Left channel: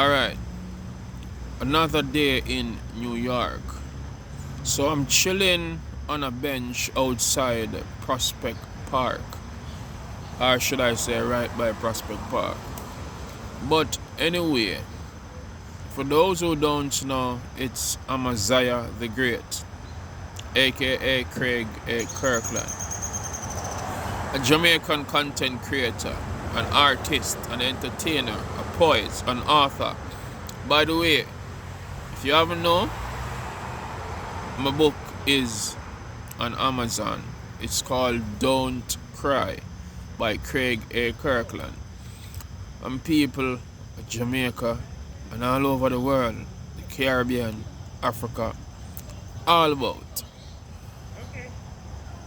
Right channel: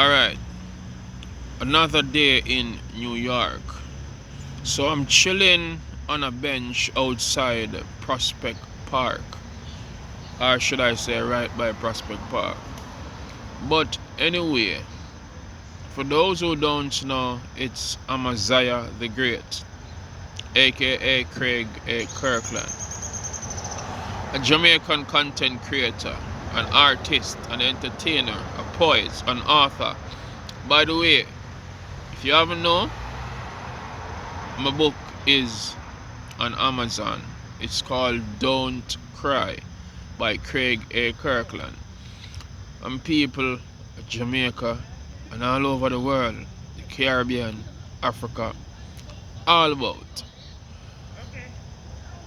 Alright, another day in New York. So I'm chilling on a bench outside Prospect Park. Or should I say right by Prospect Park. But anyway, for those who don't know, it's Amaziah the Great, aka Craig A. Kirkland. A Jamaican content creator, an artist, an entertainer, a poet, an author. By the way, if you haven't known, my book is on Amazon. It's called Don't Cry by Craig A. Kirkland. And people at Jamaica and all over the world, the Caribbean, Africa, all about.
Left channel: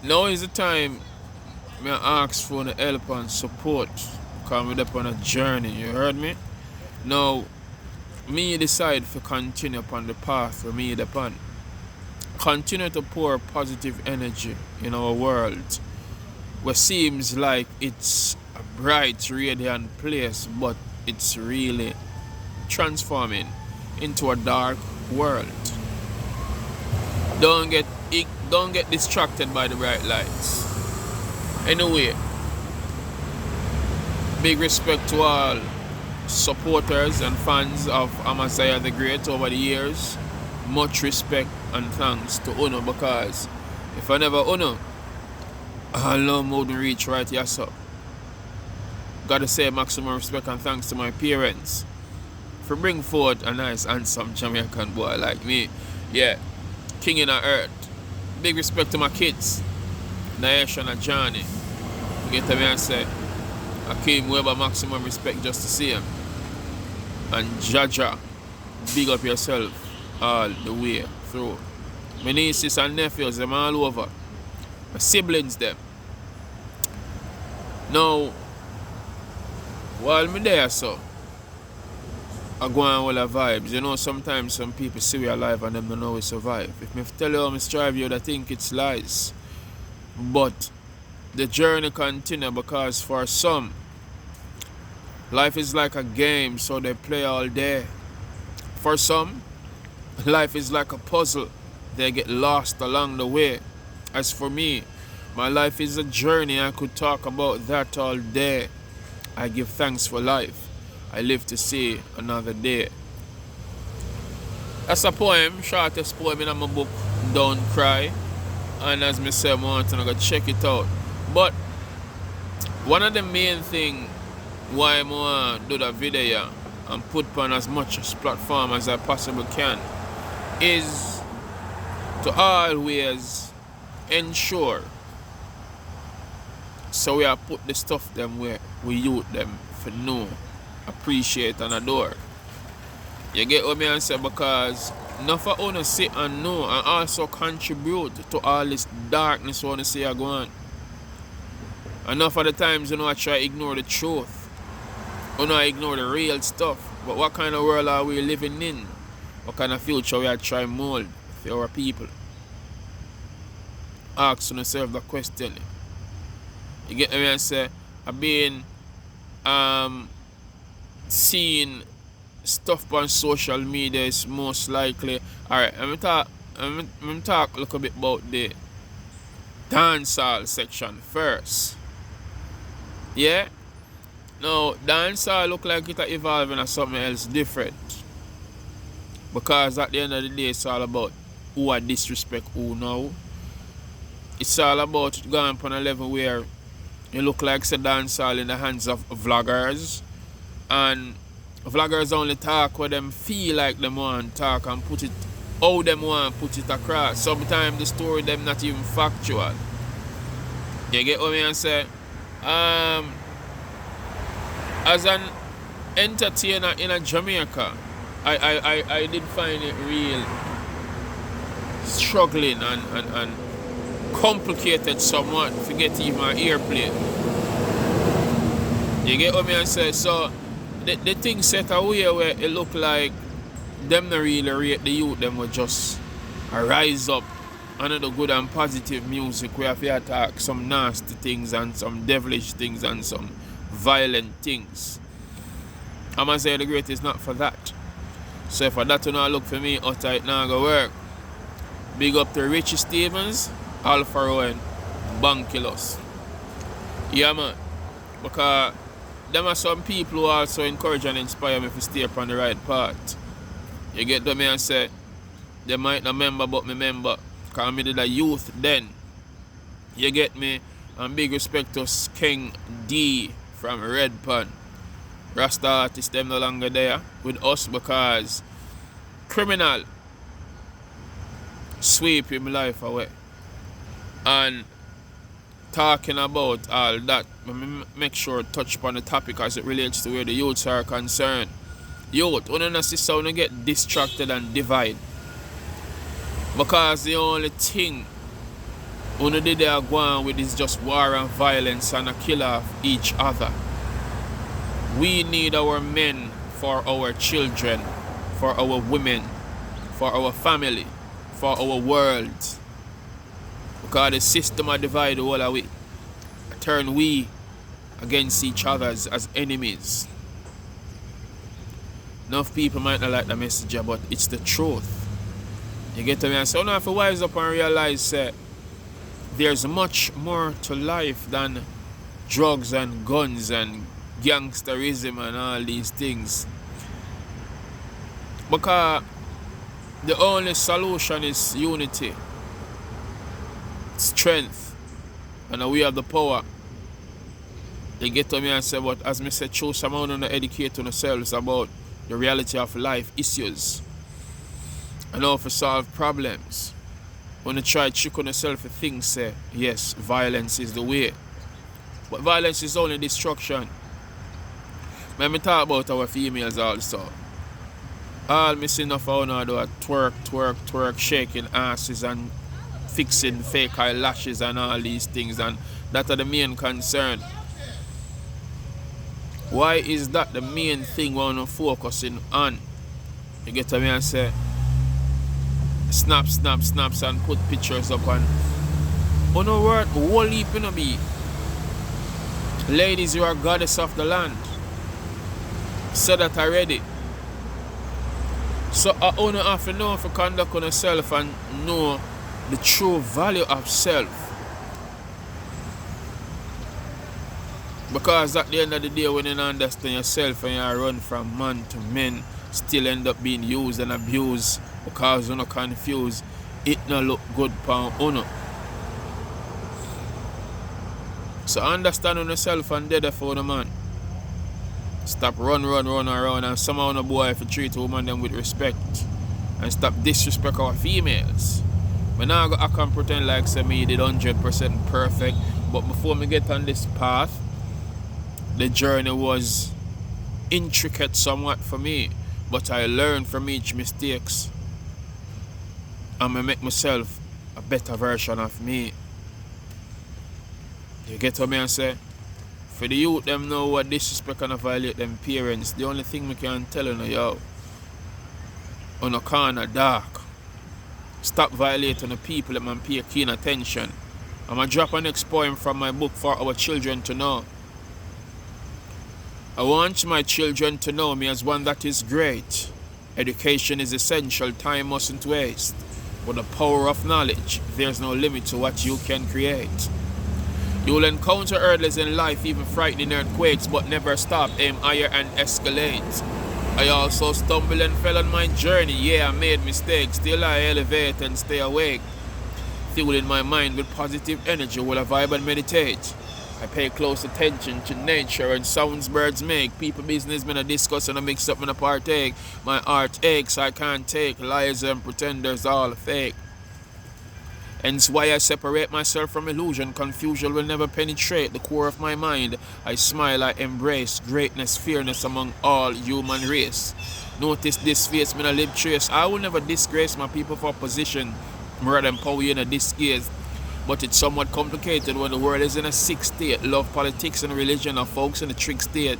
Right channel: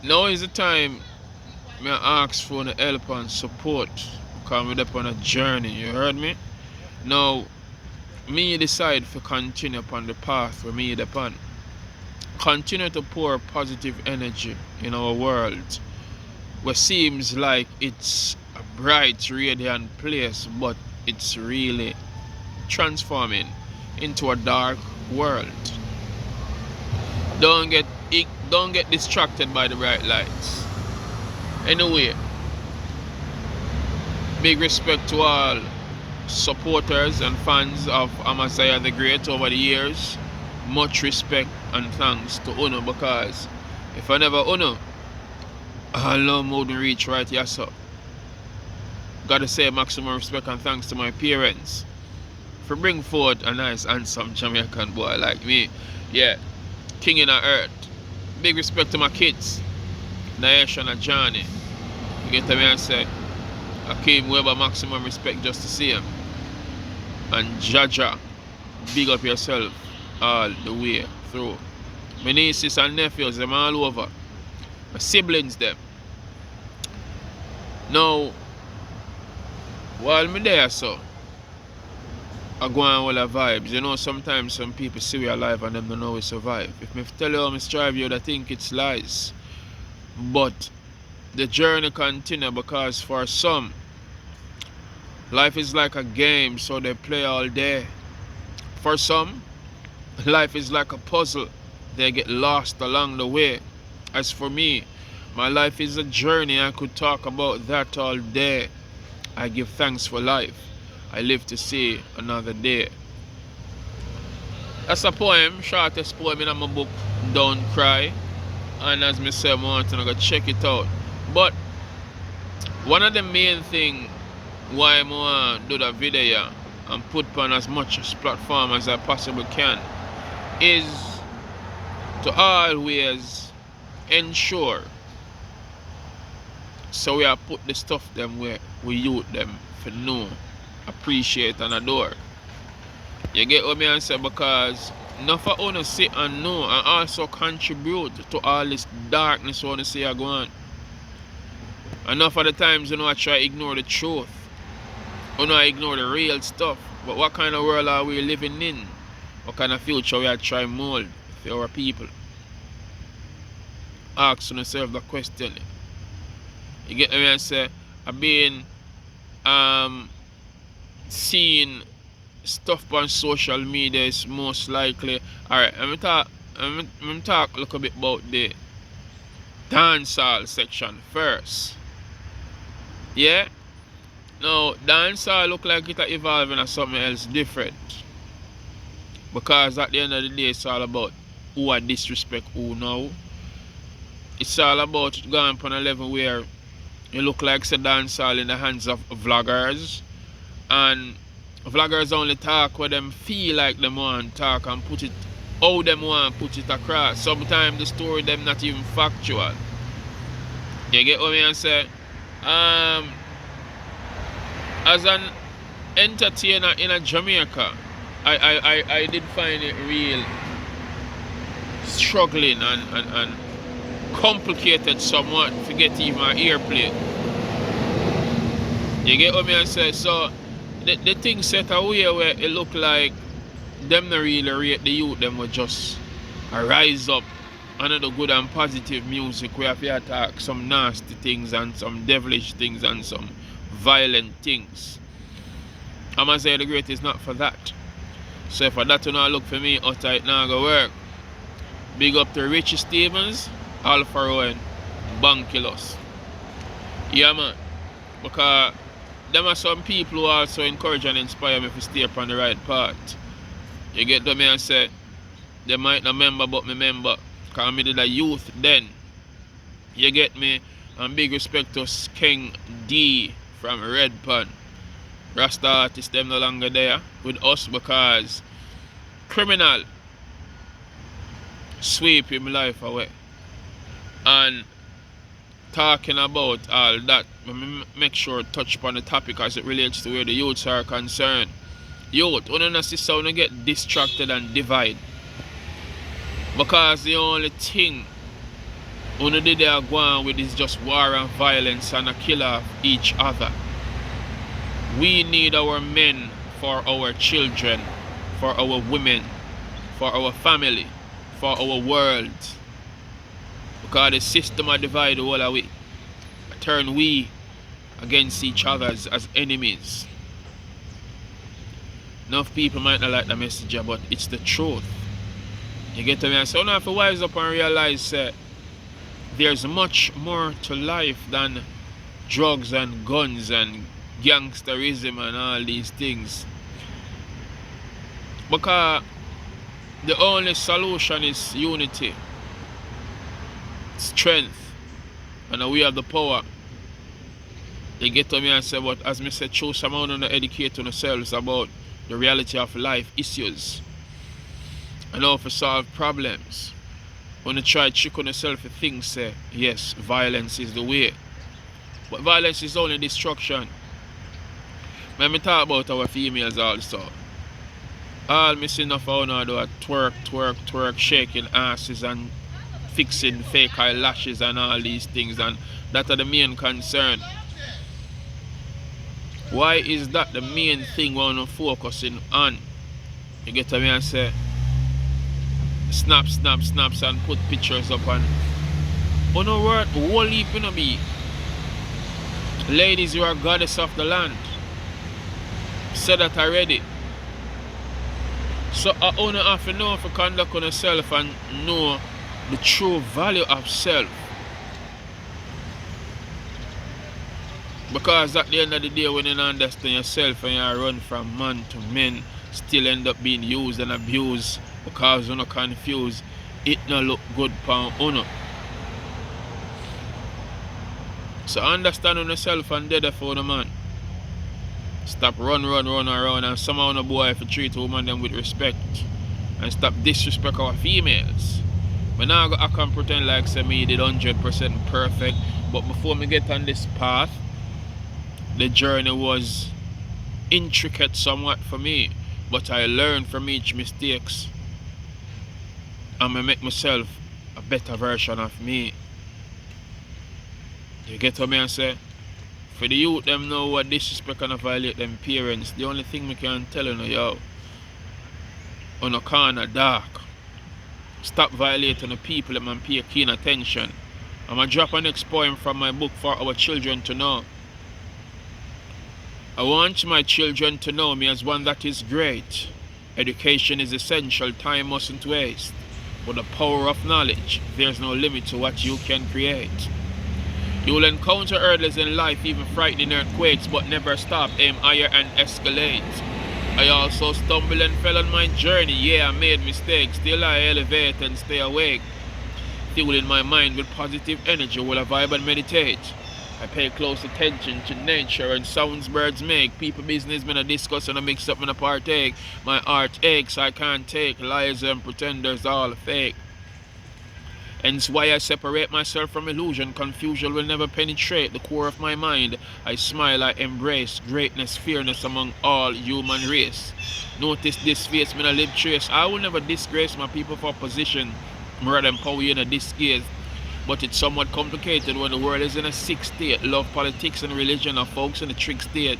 Now is the time me ask for the help and support because we're up on a journey, you heard me? Now, me decide to continue upon the path where me upon. Continue to pour positive energy in our world where seems like it's a bright, radiant place, but it's really transforming into a dark world. Don't get distracted by the bright lights. Anyway, big respect to all supporters and fans of Amaziah the Great over the years. Much respect and thanks to Uno, because if I never Uno, I love wouldn't reach right here, so gotta say maximum respect and thanks to my parents for bring forth a nice handsome Jamaican boy like me. Yeah, king in the earth. Big respect to my kids, Naisha and Johnny. You get to me and say, I came Weber, maximum respect just to see him. And Jaja, big up yourself all the way through. My nieces and nephews, them all over. My siblings, them. Now, while me there, so, I go on all the vibes. You know, sometimes some people see we alive and them don't know we survive. If me tell you how I strive, you would think it's lies. But the journey continue, because for some, life is like a game, so they play all day. For some, life is like a puzzle. They get lost along the way. As for me, my life is a journey. I could talk about that all day. I give thanks for life. I live to see another day. That's a poem, shortest poem in my book, Don't Cry. And as me say, I want to go check it out. But one of the main things why I want to do the video and put on as much platform as I possibly can is to always ensure so we are put the stuff them where we youth them for know, appreciate and adore. You get what me say? Because enough of us sit and know and also contribute to all this darkness we want to see are going. Enough of the times I try to ignore the truth. I ignore the real stuff. But what kind of world are we living in? What kind of future we are trying to mold for our people? Ask yourself the question. You get me and say, I've been seeing stuff on social media is most likely. Alright, I'm talk a little bit about the dancehall section first. Yeah? Now, dancehall look like it's evolving into something else different. Because at the end of the day, it's all about who I disrespect who now. It's all about going on a level where you look like it's a dancehall in the hands of vloggers. And vloggers only talk what them feel like them want to talk and put it how them want to put it across. Sometimes the story them not even factual. You get what I say? As an entertainer in Jamaica, I did find it real struggling and complicated somewhat to get even an airplane. You get what I say? So the thing set away where it look like them not really rate the youth, them will just rise up under the good and positive music where if you attack some nasty things and some devilish things and some violent things. I'm say the great is not for that. So if for that to not look for me, utter it now go work. Big up to Richie Stevens, Alpha Rowan, Bankilos. Yeah man. Because there are some people who also encourage and inspire me to stay upon the right path. You get to me and say, they might not remember but me remember. Because I did a youth then. You get me? And big respect to King D from Red Pan. Rasta artists them no longer there with us because criminal sweep him life away. And talking about all that, make sure to touch upon the topic as it relates to where the youths are concerned. Youth, when you see someone get distracted and divide. Because the only thing when they are going with is just war and violence and a kill of each other. We need our men for our children, for our women, for our family, for our world. Because the system are divided all away. Turn we against each other as enemies. Enough people might not like the message, but it's the truth. You get to me? So now if you wise up and realize there's much more to life than drugs and guns and gangsterism and all these things. Because the only solution is unity, strength, and we have the power. They get to me and say, but as I said, choose someone to educate themselves about the reality of life issues and how to solve problems. When you try to trick on yourself, you think, say, yes, violence is the way. But violence is only destruction. When we talk about our females also, all missing of our now do a twerk, shaking asses and fixing fake eyelashes and all these things, and that are the main concern. Why is that the main thing we want to focusing on? You get to me and say, snaps and put pictures up and on a word, whole heap in a be. Ladies, you are goddess of the land. Said that already. So I only have to know if you conduct on yourself and know the true value of self. Because at the end of the day, when you understand yourself and you run from man to men, still end up being used and abused because you're not confused, it not look good for you. So understand on yourself and dead for the man. Stop run around, and somehow no boy if you treat a woman them with respect. And stop disrespect our females. But now I can pretend like say me did 100% perfect. But before me get on this path, the journey was intricate somewhat for me. But I learned from each mistakes. And I make myself a better version of me. You get what I say? For the youth, them know what disrespect and violate them parents. The only thing we can tell you, yo, on a corner dark. Stop violating the people and pay keen attention. I'm going to drop a next poem from my book for our children to know. I want my children to know me as one that is great. Education is essential, time mustn't waste. With the power of knowledge, there's no limit to what you can create. You will encounter hurdles in life, even frightening earthquakes, but never stop, aim higher and escalate. I also stumbled and fell on my journey, yeah, I made mistakes, still I elevate and stay awake. Fueling my mind with positive energy while I vibe and meditate. I pay close attention to nature and sounds birds make. People business, me I discuss and I mix up and I partake. My heart aches, I can't take lies and pretenders all fake. Hence why I separate myself from illusion. Confusion will never penetrate the core of my mind. I smile, I embrace greatness, fairness among all human race. Notice this face, me I live trace. I will never disgrace my people for position. Rather than power in a disgrace. But it's somewhat complicated when the world is in a sick state. Love, politics, and religion are folks in a trick state.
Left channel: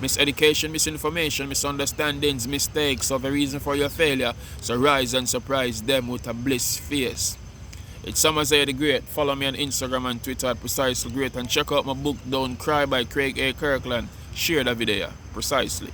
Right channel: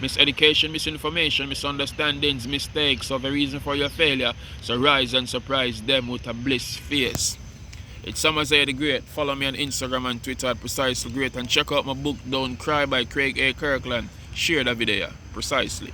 Miseducation, misinformation, misunderstandings, mistakes are the reason for your failure. So rise and surprise them with a bliss face. It's Summer Zay the Great. Follow me on Instagram and Twitter at Precisely Great. And check out my book, Don't Cry by Craig A. Kirkland. Share the video precisely.